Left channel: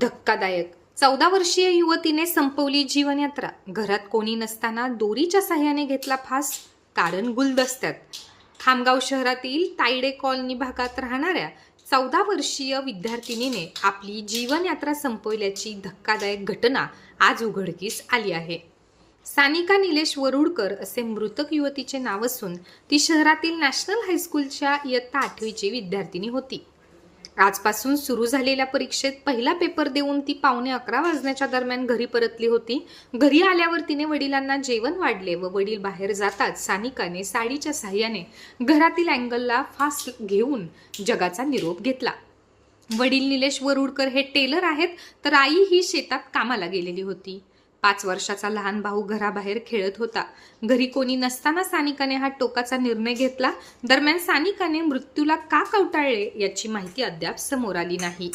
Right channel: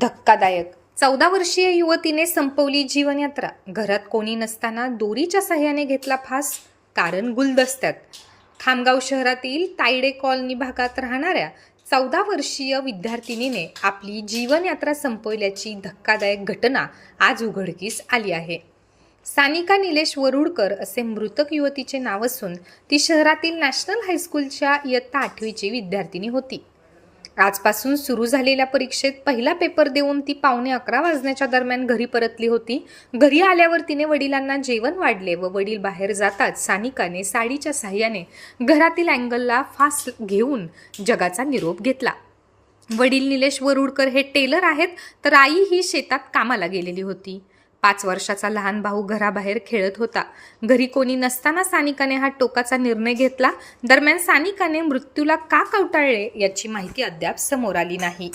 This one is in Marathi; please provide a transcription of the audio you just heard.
धक्कादायक. चौदा वर्षीय युवतीने संपवली जीवनयात्रा. घरात कोणी नसताना दोरीच्या सहाय्याने घेतला फास कारण गुलदस्त्यात. खामगाव शहरातील तायडे कॉलनी भागात राहणाऱ्या चौदा वर्षीय विद्यार्थिनीने आपली जीवनयात्रा संपवल्याची धक्कादायक घटना आज उघडकीस आली आहे. सानिका निलेश वरुडकर असे मृतक युवतीचे नाव असून ती शहरातील नॅशनल हायस्कूलच्या इयत्ता आठवीची विद्यार्थिनी होती. आजपासून सुरू झालेल्या परीक्षेत पहिला पेपर देऊन ती पावणे अकरा वाजण्याच्या दरम्यान घरी परतली होती. घरी आल्यावर तिने वडिलांना जेवण वाढले व वडील बाहेर जाताच सानिकाने साडीच्या साह्याने घरातील अँगलला फास्ट घेऊन जगाचा निरोप घेतला. वडील निलेश वरुडकर हे टेलर आहेत तर आई ही शेतात कामाला गेलेली होती. पाच वर्षाचा लहान भाऊ घराबाहेर खेळत होता. घरी कोणी नसताना सानिकाने हा टोकाचा निर्णय घेतला. दरम्यान सानिकाने मृत्यूला का कवटाळले याची माहिती अद्याप समोर आली नाही.